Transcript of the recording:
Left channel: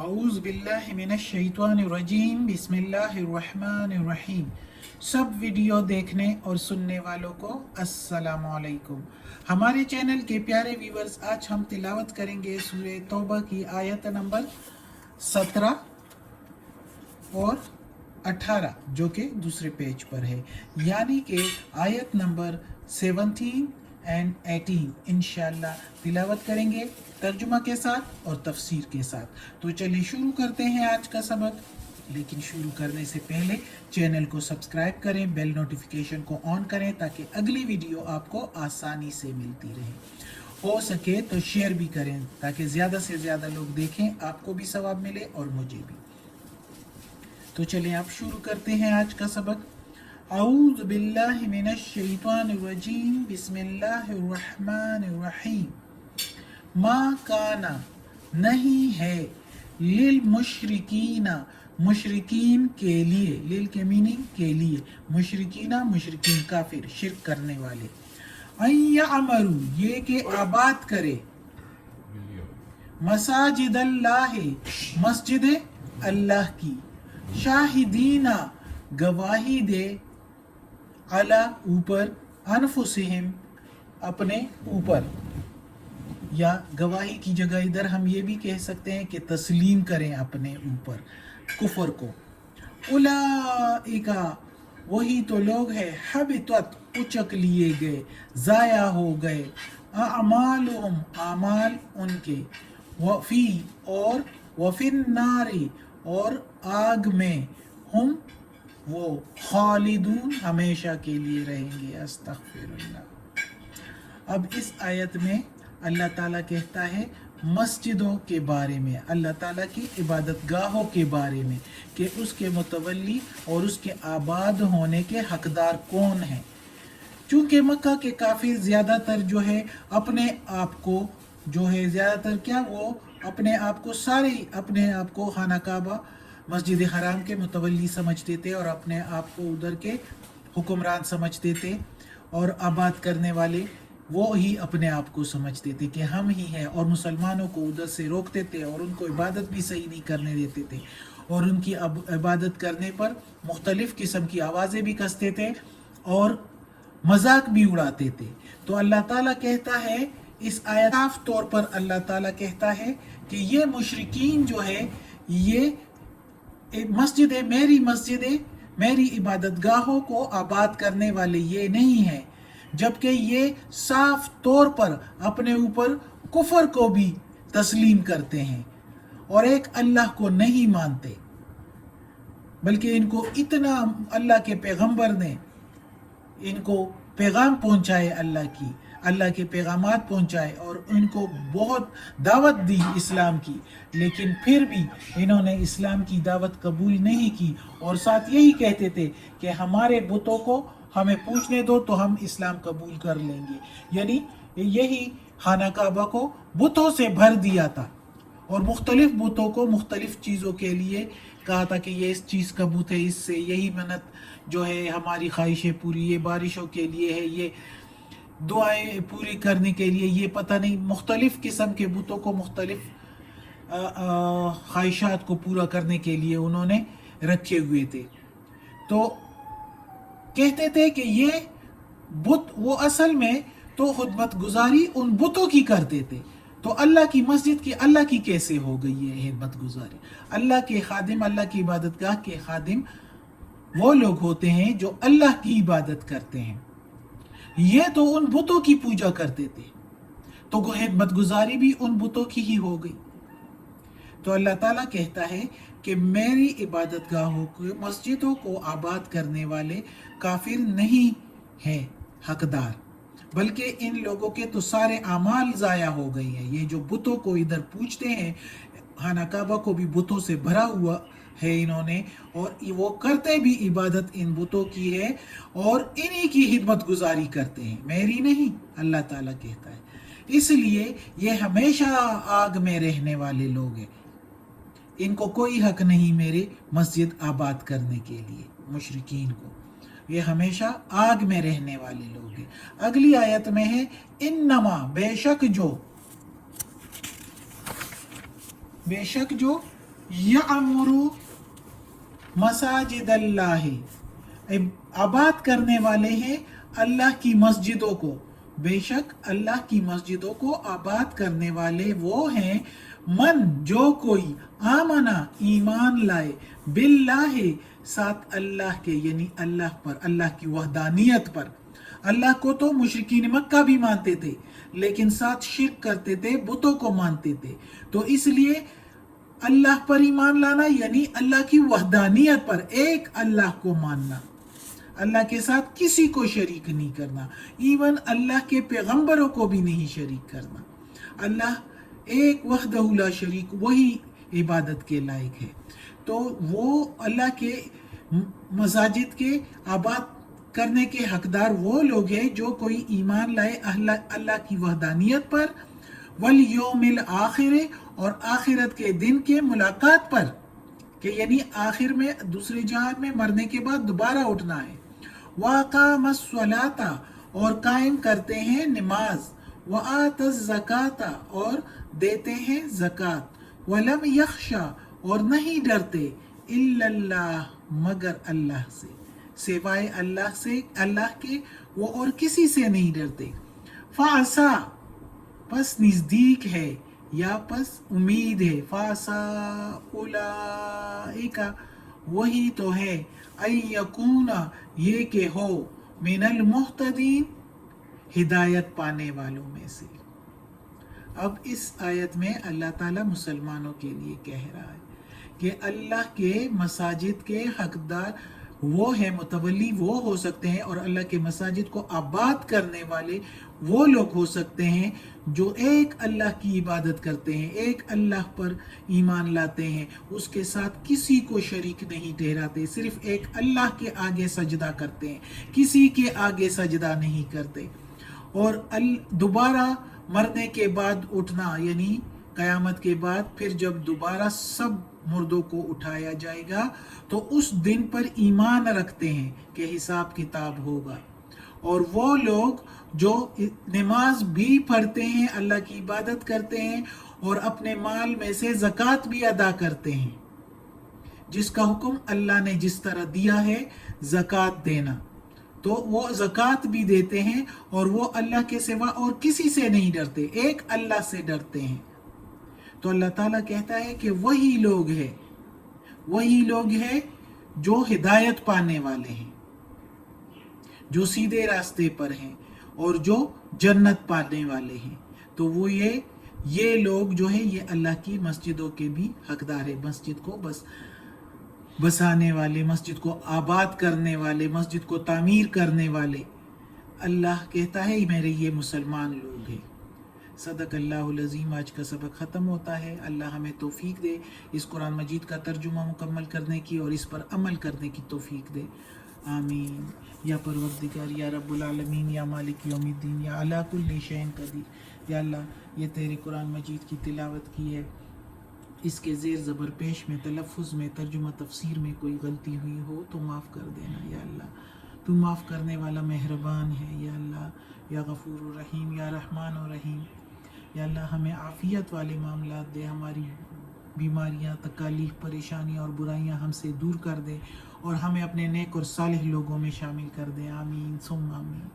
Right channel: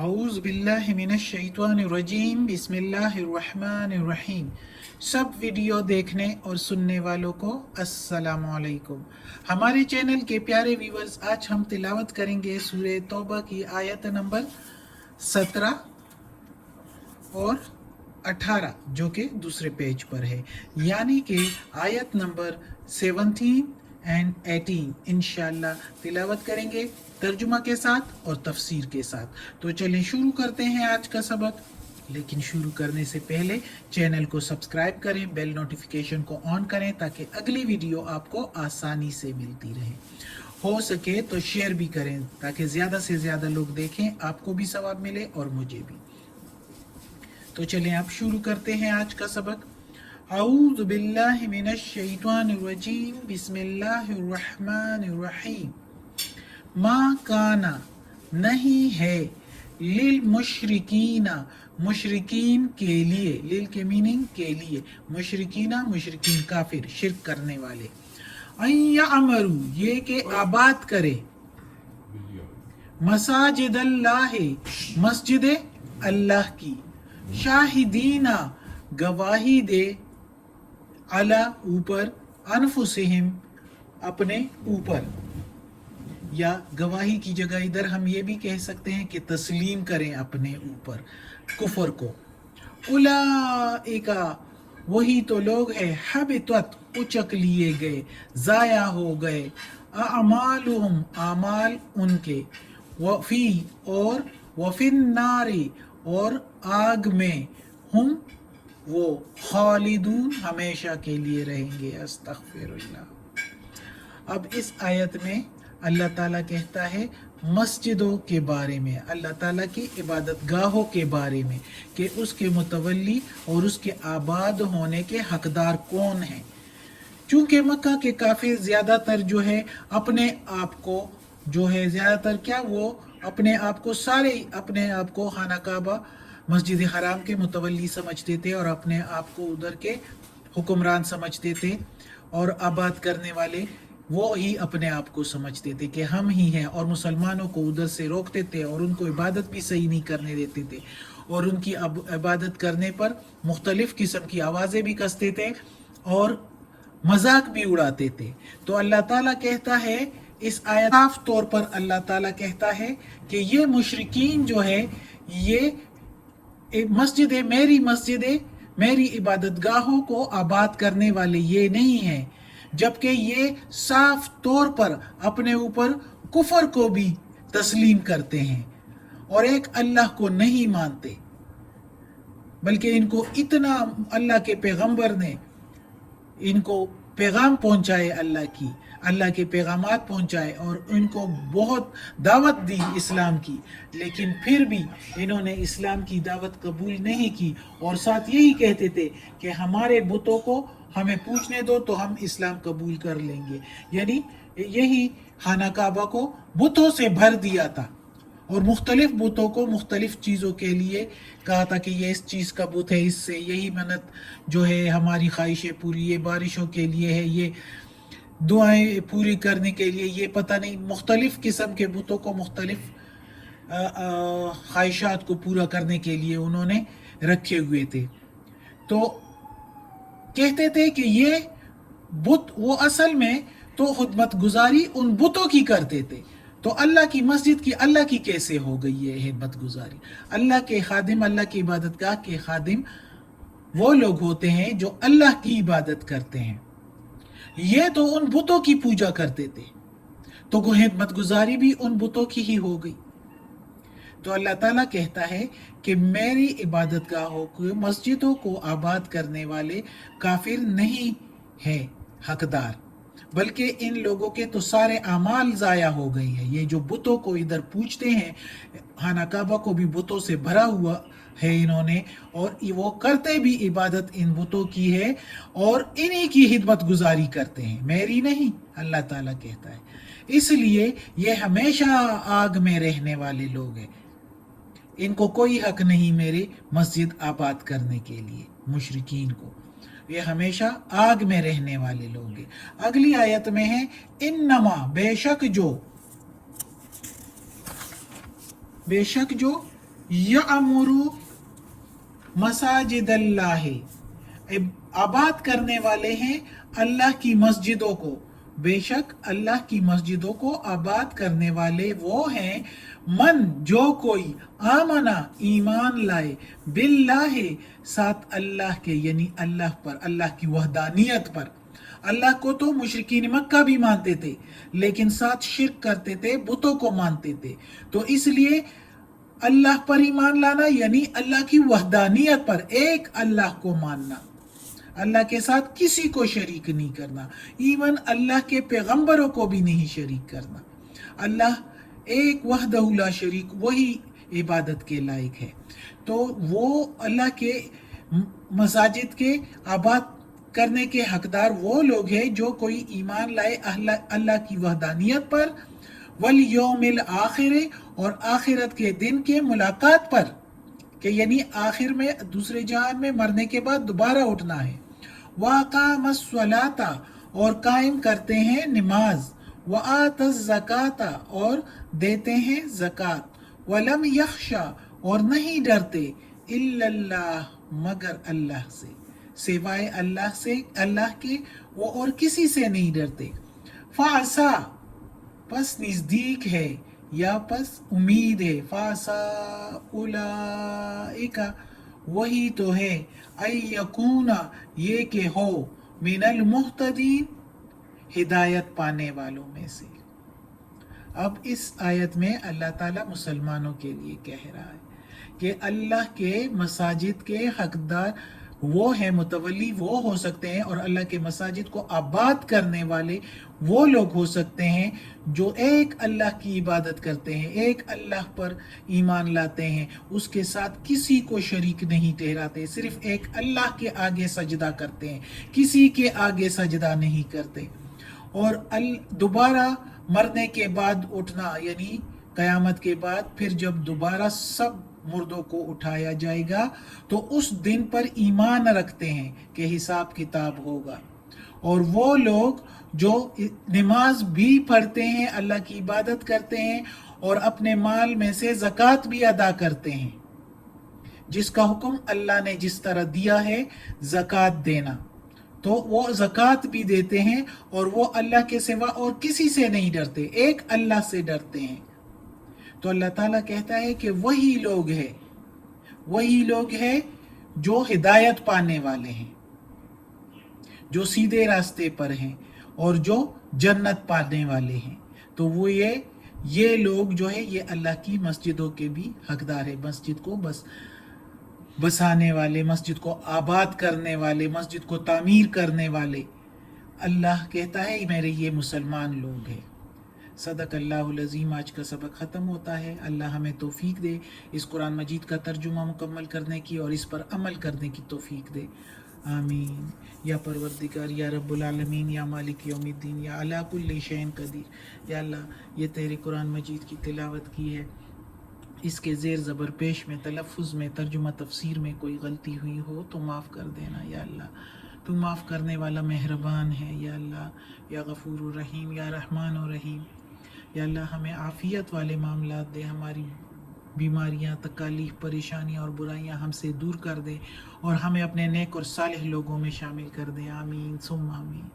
औज़ु बिल्लाहि मिनश शैतानिर रजीम बिस्मिल्लाहिर रहमानिर रहीम। सब वीडियो देखने और सुनने वालों को अस्सलामु अलैकुम। हमारे चैनल के प्यारे व्यूवर्स, आज हम तिलावत करेंगे सूरह तौबा की आयत नंबर 17 और 18 जो कि दूसरे पेज पर है, यानी कि आयत नंबर 17 एंड 18 इंशाल्लाह तिलावत करेंगे तर्जुमा के साथ और तफसीर के साथ। तो चलिए शुरू करते हैं आज का सबक। लेकिन शुरू करने से पहले चैनल को सब्सक्राइब करें, बेल नोटिफिकेशन को ऑन करें ताकि अगली वीडियो आपको आसानी से मिलती रहे। हो सके तो शेयर भी करें ताकि ज़्यादा से ज़्यादा लोग देखें, आपको भी सवाब मिले और मुझे भी। तो चलें आप शुरू करते हैं आज का सबक। औज़ु बिल्लाहि मिनश शैतानिर रजीम बिस्मिल्लाहिर रहमानिर रहीम। मा काना नहीं है लिल मुशरिकीना मुशरिकीन के लिए, लिल के मीनिंग के लिए, मुशरिकीना मुशरिकीन काफिर शिर्क करने वाले, अय्या अमरू ये के आबाद करे, मसाजिद अल्लाह मस्जिद अल्लाह की, शाहिदीना गवाही दे, अला ऊपर, अनफुसिहिम अपने ऊपर, या गवाही की जगह इधर हम ये भी कह सकते हैं कि तस्लीम करें अपने ऊपर कुफर को। उलाइका वही तो लोग हैं, हबितत उचक लिए गए, ज़ाया हो गए, अमालुहुम आमाल उनके, वफी और वफिन नारी और आग में, हम वो खालिदून हमेशा के लिए रहेंगे। अस्तगफिरुल्लाह। अब इस आयत में अल्लाह ताला कहता है मस्जिदों के बारे में, अल्लाह ताला की इबादत गाहों के बारे में कि उसके मुतवल्ली और उसके आबाद होने के हकदार कौन हैं। चूँकि मक्का के काफ़ी ज़्यादातर जो है अपने आप को जो है ज़्यादातर क्या वो अपने आप को सारे अपने आप को खाना काबा मस्जिद हराम के मुतवल्ली समझते थे और अपने आप को उधर के हुक्मरान समझते थे, और आबाद करने वाले वो ही अपने आप को समझते थे कि हम ही हैं, और मुसलमानों को उधर से रोकते थे और उनको इबादत भी सही नहीं करने देते थे, और उनकी इबादत करने पर मुख्तलिफ़ किस्म की आवाज़ें भी कसते थे और मजाक भी उड़ाते थे। तो अल्लाह ताला कहता है इस आयत साफ तौर पर अल्लाह ताला कहता है कि ये मुशरिकीन जो है ये मस्जिद मेरी इबादत गाहों को आबाद करने वाले ये नहीं हैं, जबकि ये साफ तौर पर अपने ऊपर कुफर को भी तस्लीम करते हैं और एक अल्लाह को नहीं मानते, बल्कि इनको इतना अल्लाह के पैगंबर ने इनको पैगाम पहुंचाए, अल्लाह के पैगामात पहुंचाए और इनको बहुत दावत दी इस्लाम की, लेकिन फिर भी इन्होंने इस्लाम की दावत कबूल नहीं की और साथ यही कहते थे कि हमारे बुतों को हमें पूछने दो तो हम इस्लाम कबूल कर लेंगे। यानी यही खाना काबा को बुतों से भर दिया था और मुख्तलिफ बुतों को मुख्तलिफ चीज़ों के लिए कहा था कि ये इस चीज़ का बुत है, इससे यही मन्नत जो है हमारी ख्वाहिशें पूरी, ये बारिशों के लिए है, ये दुआएं पूरी करने के लिए, ये पता नहीं मुख्तलिफ किस्म के बुतों को मुख्तलिफ ख्वाहिशात को पूरा करने के लिए उन्होंने रखे हुए थे। तो कहते थे कि ये बुत वो असल में तो खुदमत गुजारी उन बुतों की करते थे, तो अल्लाह की मस्जिद की अल्लाह की कैसे हो गई ये हिम्मत गुजारी। अल्लाह के खादिम, अल्लाह की इबादत गाह के खादिम वो लोग होते हैं जो अल्लाह की इबादत करते हैं, ये तो उन बुतों की पूजा करते थे, तो हिम्मत गुजारी भी उन बुतों की ही हो गई। तो अल्लाह ताला कहता है कि मेरी इबादत गाहों को मस्जिदों को आबाद करने वाले काफिर नहीं है हकदार, बल्कि इन लोगों के तो सारे अमाल ज़ाया हो गए हैं। ये जो बुतों को इधर पूछते हैं, खाना काबा को भी बुतों से भरा हुआ है इन्होंने, और वो करते भी इबादत इन बुतों की है और इन्हीं की खिदमत गुजारी करते हैं, मेरी नहीं, अल्लाह ताला कहता है। इसलिए ये हमेशा आग में रहने वाले लोग हैं, इनको कोई हक नहीं मेरे मस्जिद आबाद करने के लिए। मुशरिकीन को ये हमेशा आग में रहने वाले लोग हैं। अगली आयत में है इन्नमा बेशक जो यअमुरु मसाजिद अल्लाह, आबाद करने वाले हैं अल्लाह की मस्जिदों को। बेशक अल्लाह की मस्जिदों को आबाद करने वाले वो हैं, मन जो कोई आमना ईमान लाए, बिल्लाह साथ अल्लाह के, यानी अल्लाह पर, अल्लाह की वहदानियत पर। अल्लाह को तो मुशरिकीन मक्का भी मानते थे, लेकिन साथ शिर्क करते थे, बुतों को मानते थे। तो इसलिए अल्लाह पर ईमान लाना यानी अल्लाह की वहदानियत पर, एक अल्लाह को मानना, अल्लाह के साथ किसी को शरीक नहीं करना, इवन अल्लाह के पैगंबरों को भी नहीं शरीक करना। अल्लाह एक वहदहु ला शरीक, वही इबादत के लायक है। तो वो अल्लाह के मसाजिद के आबाद करने के हकदार वो लोग हैं जो कोई ईमान लाए अल्लाह की वहदानियत पर, वल यौमिल आखिर, और आखिरत के दिन के मुलाकात पर, कि यानी आखिर में दूसरे जहान में मरने के बाद दोबारा उठना है। वक़ामस्सलाता, और कायम करते हैं नमाज, वआतज़्ज़काता, और देते हैं ज़कात, वलम यख्शा, और नहीं डरते, इल्लल्लाह, मगर अल्लाह से, सिवाय अल्लाह से, अल्लाह के वो और किसी से नहीं डरते। फ़ासा, पस नज़दीक है, या पस उम्मीद है, फ़ासा उलाइका, वही तो है, अयकूना, ये के हो, मिनल मुहतदीन, हिदायत पाने वालों में से। अब इस आयत में अल्लाह ताला मुसलमानों के लिए कह रहा है कि अल्लाह के मसाजिद के हकदार वो है, मुतवली वो हो सकते हैं, और अल्लाह के मसाजिद को आबाद करने वाले वो लोग हो सकते हैं जो एक अल्लाह की इबादत करते हैं, एक अल्लाह पर ईमान लाते हैं, उसके साथ किसी को शरीक नहीं ठहराते, सिर्फ एक अल्लाह के आगे सजदा करते हैं, किसी के आगे सजदा नहीं करते। और दोबारा मरने के बाद उठना, यानी क़यामत के बाद फिर जब दोबारा सब मुर्दों को उठाया जाएगा तो उस दिन पर ईमान रखते हैं कि हिसाब किताब होगा। और वो लोग जो नमाज भी पढ़ते हैं, अल्लाह की इबादत करते हैं, और अपने माल में से ज़कात भी अदा करते हैं, जिसका हुक्म अल्लाह ने जिस तरह दिया है ज़कात देना, तो वो ज़कात भी देते हैं, और वो अल्लाह के सिवा और किसी से नहीं डरते, एक अल्लाह से डरते हैं। तो अल्लाह ताला कहता है कि वही लोग हैं जो हिदायत पाने वाले हैं, जो सीधे रास्ते पर हैं, और जो जन्नत पाने वाले हैं। तो वो ये लोग जो है, ये अल्लाह की मस्जिदों के भी हकदार है, मस्जिद को बसाने वाले, मस्जिद को आबाद करने वाले, मस्जिद को तामीर करने वाले। अल्लाह कहता है मेरे ये मुसलमान लोग हैं। सदक़ल्लाहुल अज़ीम। आज का सबक ख़त्म होता है। अल्लाह हमें तौफ़ीक दे इस कुरान मजीद का तर्जुमा मुकम्मल करने की और इस पर अमल करने की तौफ़ीक दे, आमीन। या परवरदिगार, या रब्बुल आलमीन, या मालिक यौमिद्दीन, या अला कुल्लि शैइन क़दीर। या अल्लाह, ये तेरे कुरान मजीद की तिलावत की है, इसके ज़ेर ज़बर पेश में, तलफ़ुज़ में, तर्जुमा तफसीर में कोई गलती हुई हो तो माफ़ कर देना। या अल्लाह, तू माफ़ करने वाला मेहरबान है। या अल्लाह, या गफ़ूर रहीम, या रहमान और रहीम। या अल्लाह, हमें आफ़ियत वाले मामलात दे, हमारी बीमारियां, तकालीफ, परेशानी और बुराइयां हमसे दूर कर दे, और हमें अपने नेक और सालिह लोगों में शामिल कर दे, आमीन सुम्मा आमीन।